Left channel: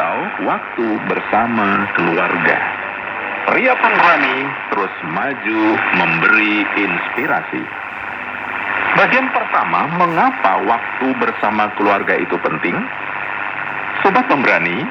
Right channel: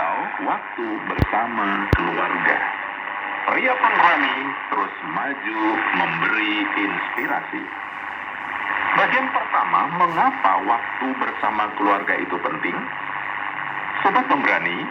atau waktu bersama keluarga. Pria pemberani terus maju memberi inspirasi. Bagian pertama, mengapa waktu bersama keluarga itu penting? Sobat pemberani,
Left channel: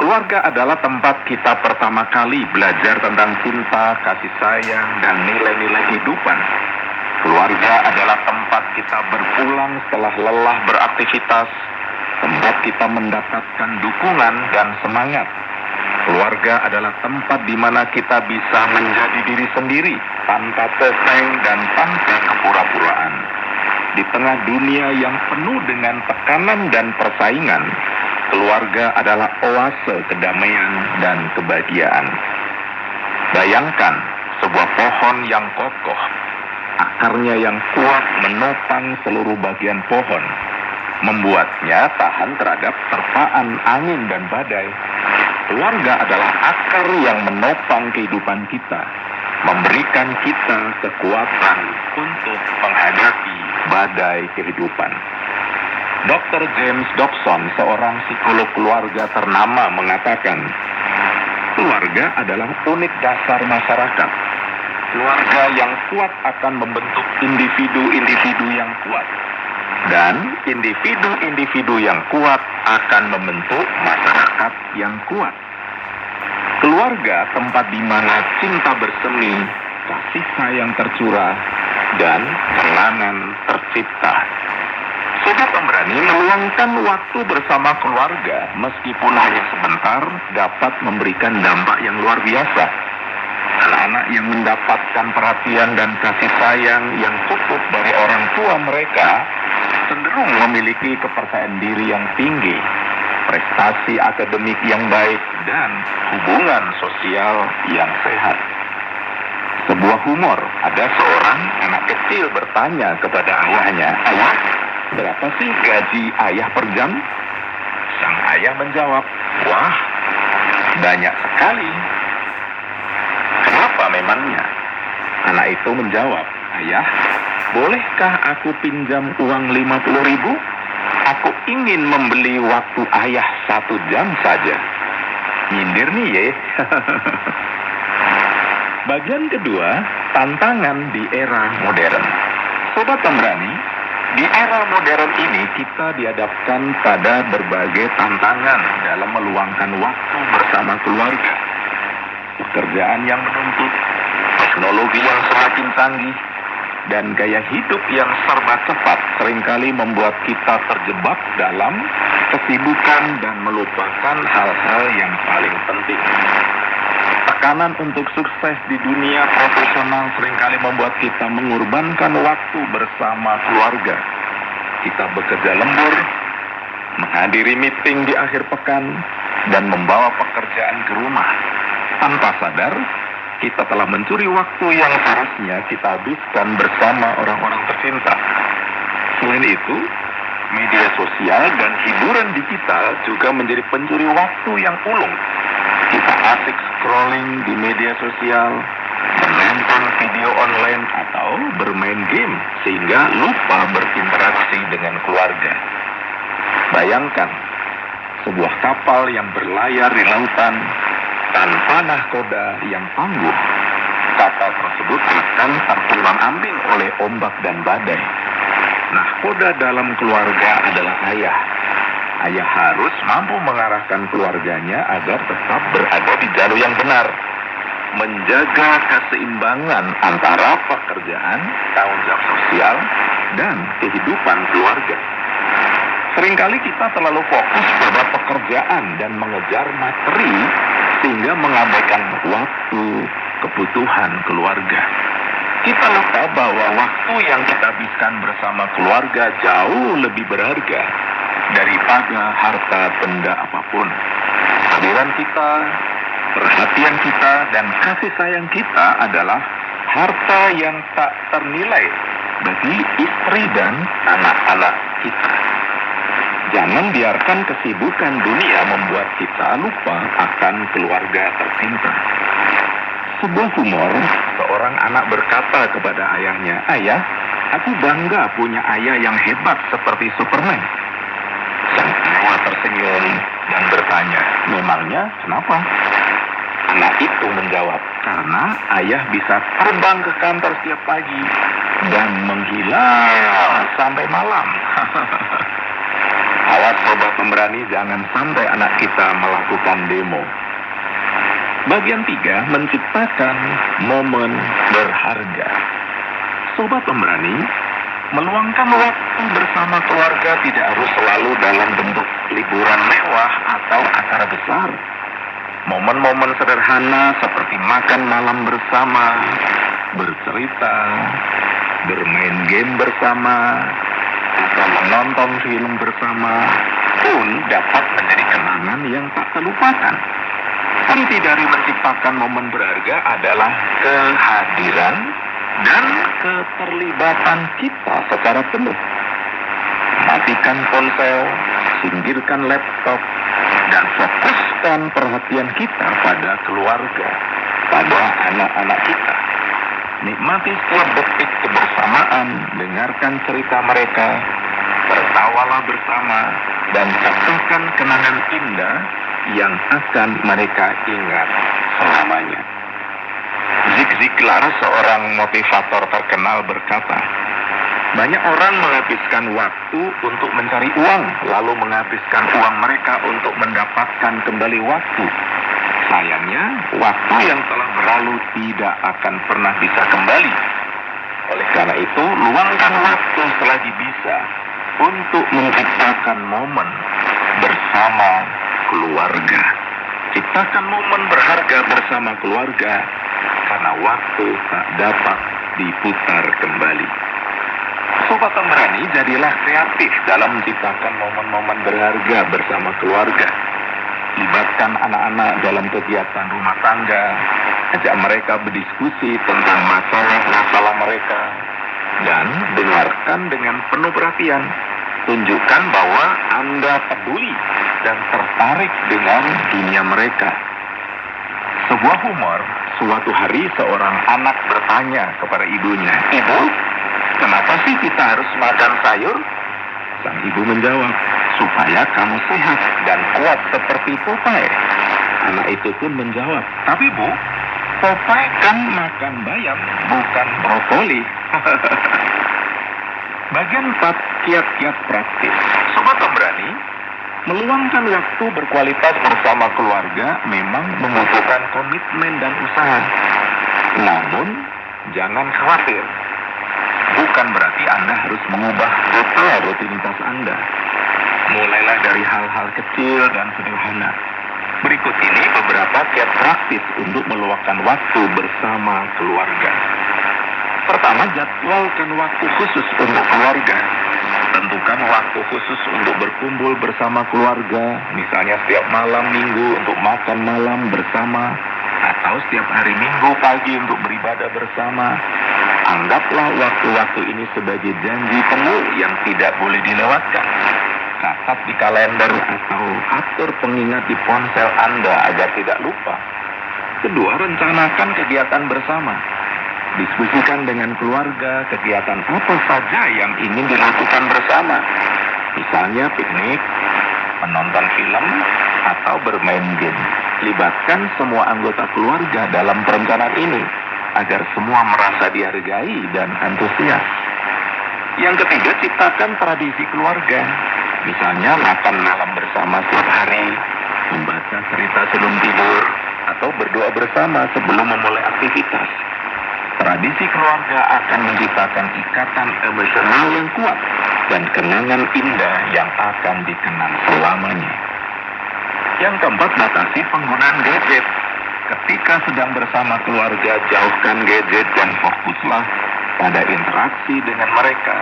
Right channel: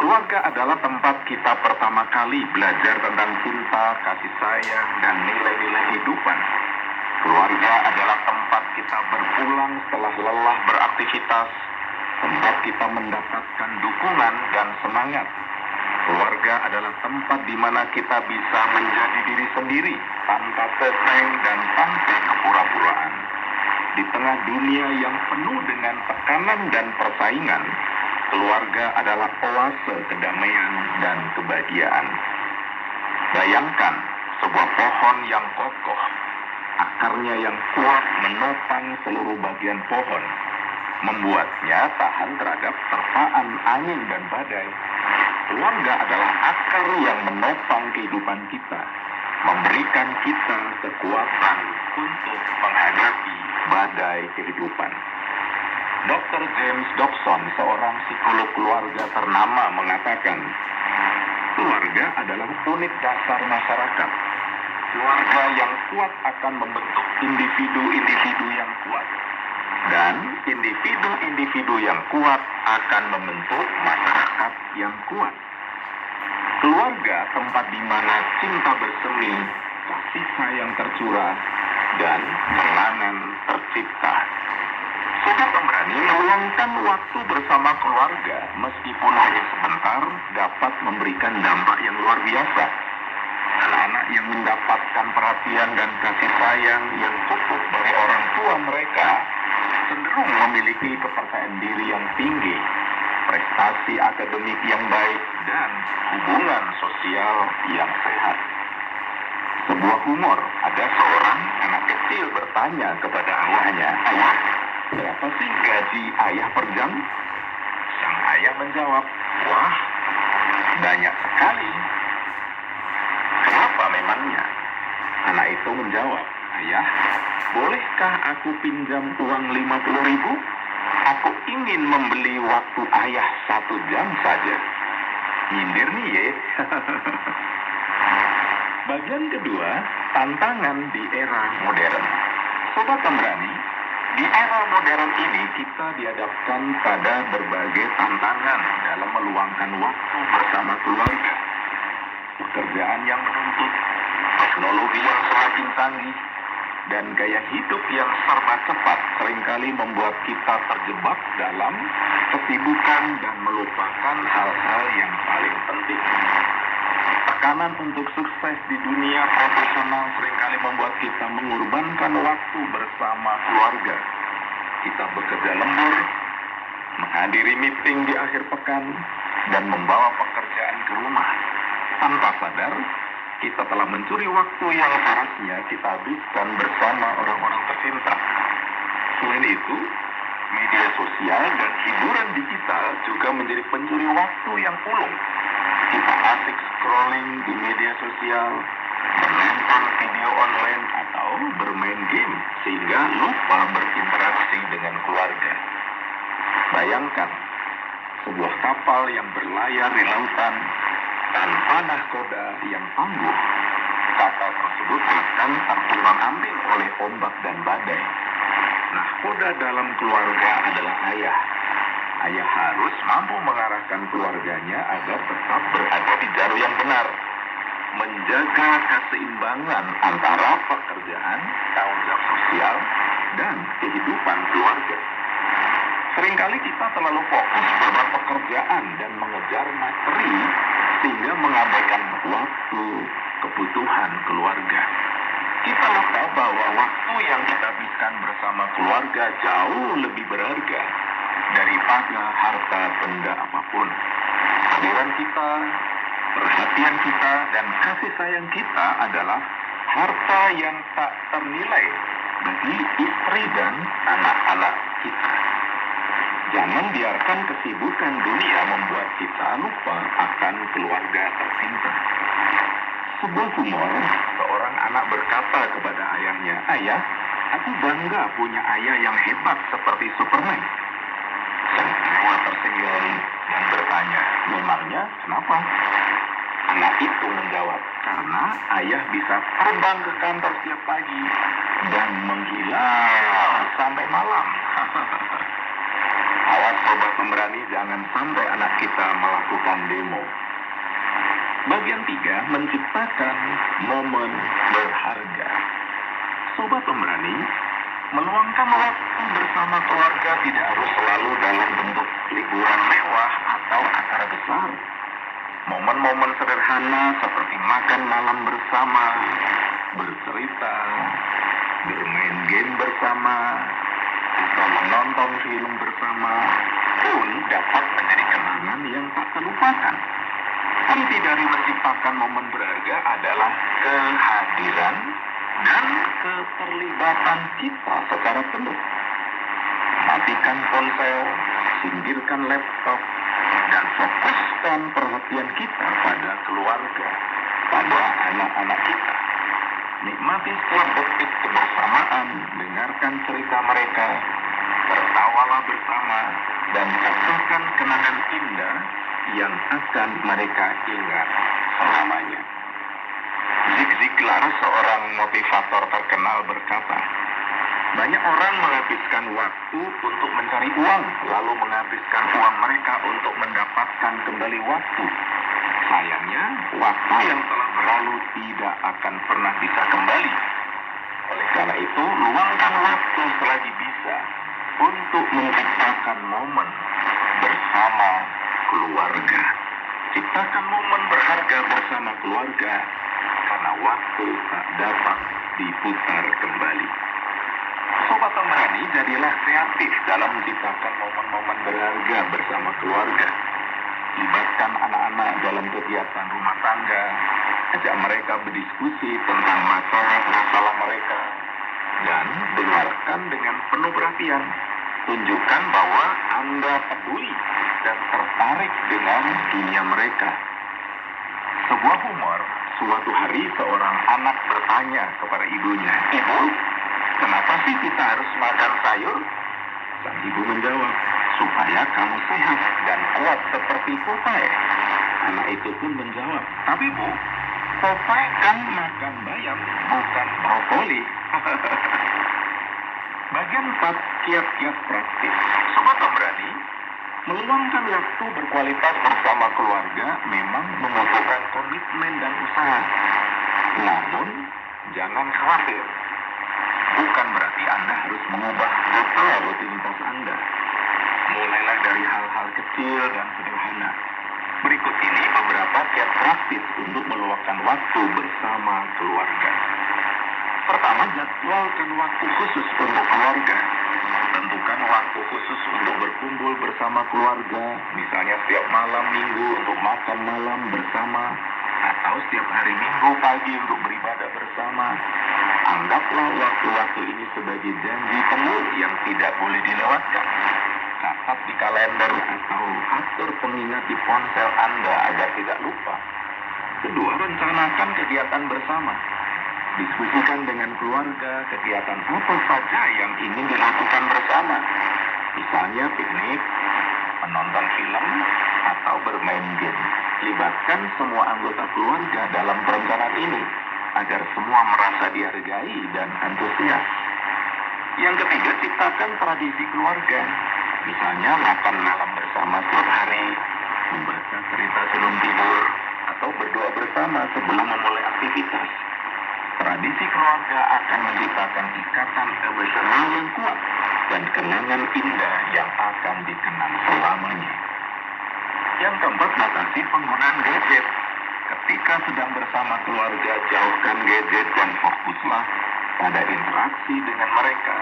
keluarga adalah tempat kita pertama kali belajar tentang cinta, kasih sayang, dan nilai-nilai kehidupan. Keluarga adalah tempat kita berpulang setelah lelah beraktivitas, tempat kita mendapatkan dukungan dan semangat. Keluarga adalah tempat di mana kita bisa menjadi diri sendiri, tanpa topeng dan tanpa kepura-puraan. Di tengah dunia yang penuh dengan tekanan dan persaingan, keluarga adalah oase kedamaian dan kebahagiaan. Bayangkan sebuah pohon yang kokoh, akarnya yang kuat menopang seluruh bagian pohon, membuatnya tahan terhadap terpaan angin dan badai. Keluarga adalah akar yang menopang kehidupan kita, memberikan kita kekuatan untuk menghadapi badai kehidupan. Dr. James Dobson, seorang psikolog keluarga ternama, mengatakan, keluarga adalah unit dasar masyarakat. Keluarga yang kuat akan membentuk individu-individu yang kuat. Dan individu-individu yang kuat akan membentuk masyarakat yang kuat. Keluarga tempat di mana cinta bersemi, kasih sayang tercurah, dan kenangan tercipta. Sobat pemberani, meluangkan waktu bersama keluarga meskipun hanya sebentar dapat memberikan dampak yang luar biasa. Anak-anak yang mendapatkan perhatian dan kasih sayang yang cukup dari orang tua mereka cenderung memiliki kepercayaan diri yang tinggi, prestasi akademik yang baik, dan hubungan sosial yang sehat. Sebuah humor, ada seorang anak kecil bertanya kepada ayahnya, "Ayah, berapa sih gaji ayah per jam?" Sang ayah menjawab, "Wah, banyak sekali." "Kenapa memangnya?" Anak itu menjawab, "Ayah, bolehkah aku pinjam uang 50.000? Aku ingin membeli waktu ayah 1 jam saja." Nyindir nih ye. Bagian kedua, tantangan di era modern. Sobat pemberani, di era modern ini kita dihadapkan pada berbagai tantangan dalam meluangkan waktu bersama keluarga. Pekerjaan yang menuntut, teknologi yang semakin canggih, dan gaya hidup yang serba cepat seringkali membuat kita terjebak dalam kesibukan dan melupakan hal-hal yang paling penting. Tekanan untuk sukses di dunia profesional seringkali membuat kita mengorbankan waktu bersama keluarga. Kita bekerja lembur, menghadiri meeting di akhir pekan, dan membawa pekerjaan ke rumah. Tanpa sadar, kita telah mencuri waktu yang seharusnya kita habiskan bersama orang-orang tercinta. Selain itu, media sosial dan hiburan digital juga menjadi pencuri waktu yang ulung. Kita asik scrolling di media sosial, menonton video online, atau bermain game sehingga lupa berinteraksi dengan keluarga. Bayangkan, sebuah kapal yang berlayar di lautan tanpa nahkoda yang tangguh. Kapal tersebut akan terpulang-ambing oleh ombak dan badai. Nahkoda dalam keluarga adalah ayah. Ayah harus mampu mengarahkan keluarganya agar tetap berada di jalur yang benar, menjaga keseimbangan antara pekerjaan, tanggung jawab sosial, dan kehidupan keluarga. Seringkali kita terlalu fokus pada pekerjaan dan mengejar materi sehingga mengabaikan waktu kebutuhan keluarga. Kita lupa bahwa waktu yang kita habiskan bersama keluarga jauh lebih berharga daripada harta benda apapun. Kehadiran kita, perhatian kita, dan kasih sayang kita adalah harta yang tak ternilai bagi istri dan anak-anak kita. Jangan biarkan kesibukan dunia membuat kita lupa akan keluarga tercinta. Sebuah humor, seorang anak berkata kepada ayahnya, "Ayah, aku bangga punya ayah yang hebat seperti Superman." Sang ayah tersenyum dan bertanya, Memangnya kenapa? Anak itu menjawab, karena ayah bisa terbang ke kantor setiap pagi dan menghilang sampai malam. Awas sobat pemberani, jangan sampai anak kita melakukan demo. Bagian 3, menciptakan momen berharga. Sobat pemberani, meluangkan waktu bersama keluarga tidak harus selalu dalam bentuk liburan mewah atau acara besar. Momen-momen sederhana seperti makan malam bersama, bercerita, bermain game bersama, atau menonton film bersama pun dapat menjadi kenangan yang tak terlupakan. Inti dari menciptakan momen berharga adalah kehadiran dan keterlibatan kita secara penuh. Matikan ponsel, singkirkan laptop, dan fokuskan perhatian kita pada keluarga, pada anak-anak kita. Nikmati setiap detik kebersamaan, dengarkan cerita mereka, tertawalah bersama, dan ciptakan kenangan indah yang akan mereka ingat selamanya. Zig Ziglar, seorang motivator terkenal, berkata, banyak orang menghabiskan waktu untuk mencari uang, lalu menghabiskan uang mereka untuk mendapatkan kembali waktu. Sayangnya, waktu yang telah berlalu tidak akan pernah bisa kembali. Oleh karena itu, luangkan waktu selagi bisa untuk menciptakan momen bersama keluarga. Ciptakan momen berharga bersama keluarga, karena waktu tak dapat diputar kembali. Sobat pemberani, jadilah kreatif dalam menciptakan momen-momen berharga bersama keluarga. Libatkan anak-anak dalam kegiatan rumah tangga, ajak mereka berdiskusi tentang masalah-masalah mereka, dan dengarkan dengan penuh perhatian. Tunjukkan bahwa Anda peduli dan tertarik dengan dunia mereka. Sebuah humor, suatu hari seorang anak bertanya kepada ibunya, "Ibu, kenapa sih kita harus makan sayur?" Sang ibu menjawab, "Supaya kamu sehat dan kuat seperti Popeye." Anak itu pun menjawab, "Tapi Bu, Popeye kan makan bayam, bukan brokoli." Bagian 4, kiat-kiat praktis. Sobat pemberani, meluangkan waktu berkualitas bersama keluarga memang membutuhkan komitmen dan usaha. Namun, jangan khawatir. Bukan berarti Anda harus mengubah total rutinitas Anda. Mulailah dari hal-hal kecil dan sederhana. Berikut ini beberapa kiat praktis untuk meluangkan waktu bersama keluarga. Pertama, jadwalkan waktu khusus untuk keluarga. Tentukan waktu khusus untuk berkumpul bersama keluarga, misalnya setiap malam minggu untuk makan malam bersama, atau setiap hari minggu pagi untuk beribadah bersama. Anggaplah waktu-waktu ini sebagai janji penuh yang tidak boleh dilewatkan. Catat di kalender atau atur pengingat di ponsel Anda agar tidak lupa. Kedua, rencanakan kegiatan bersama. Diskusikan dengan keluarga kegiatan apa saja yang ingin dilakukan bersama. Misalnya piknik, menonton film, atau bermain game. Libatkan semua anggota keluarga dalam perencanaan ini, agar semua merasa dihargai dan antusias. Yang ketiga, ciptakan tradisi keluarga. Misalnya makan malam bersama setiap hari, membaca cerita sebelum tidur, atau berdoa bersama sebelum memulai aktivitas. Tradisi keluarga akan menciptakan ikatan emosional yang kuat dan kenangan indah yang akan dikenang selamanya. Yang keempat, batasi penggunaan gadget. Ketika sedang bersama keluarga, jauhkan gadget dan fokuslah pada interaksi dengan mereka.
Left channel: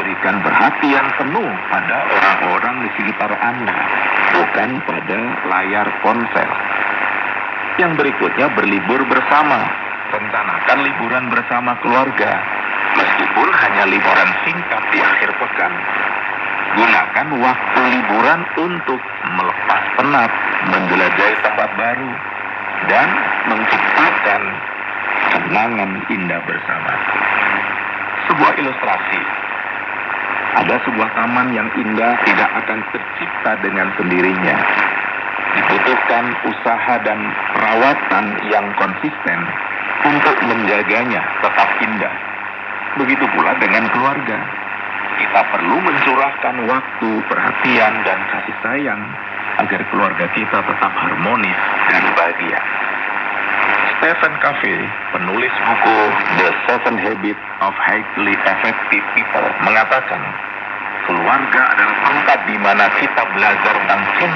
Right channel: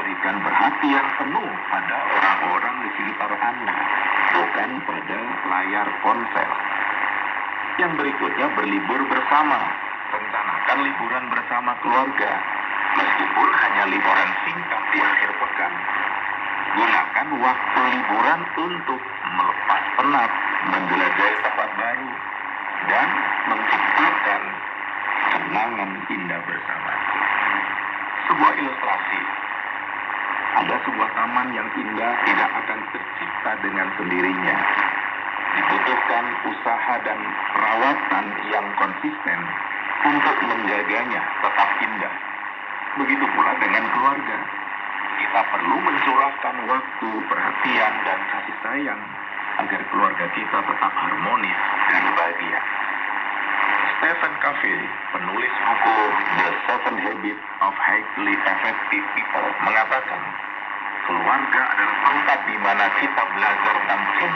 Berikan perhatian penuh pada orang-orang di sekitar Anda, bukan pada layar ponsel. Yang berikutnya, berlibur bersama. Rencanakan liburan bersama keluarga, meskipun hanya liburan singkat di akhir pekan. Gunakan waktu liburan untuk melepas penat, menjelajahi tempat baru, dan menciptakan kenangan indah bersama. Sebuah ilustrasi. Ada sebuah taman yang indah tidak akan tercipta dengan sendirinya. Dibutuhkan membutuhkan usaha dan perawatan yang konsisten untuk menjaganya tetap indah. Begitu pula dengan keluarga. Kita perlu mencurahkan waktu, perhatian, dan kasih sayang agar keluarga kita tetap harmonis dan bahagia. Stephen Covey, penulis buku The Seven Habits of Highly Effective People, mengatakan, keluarga adalah tempat di mana kita belajar tentang cinta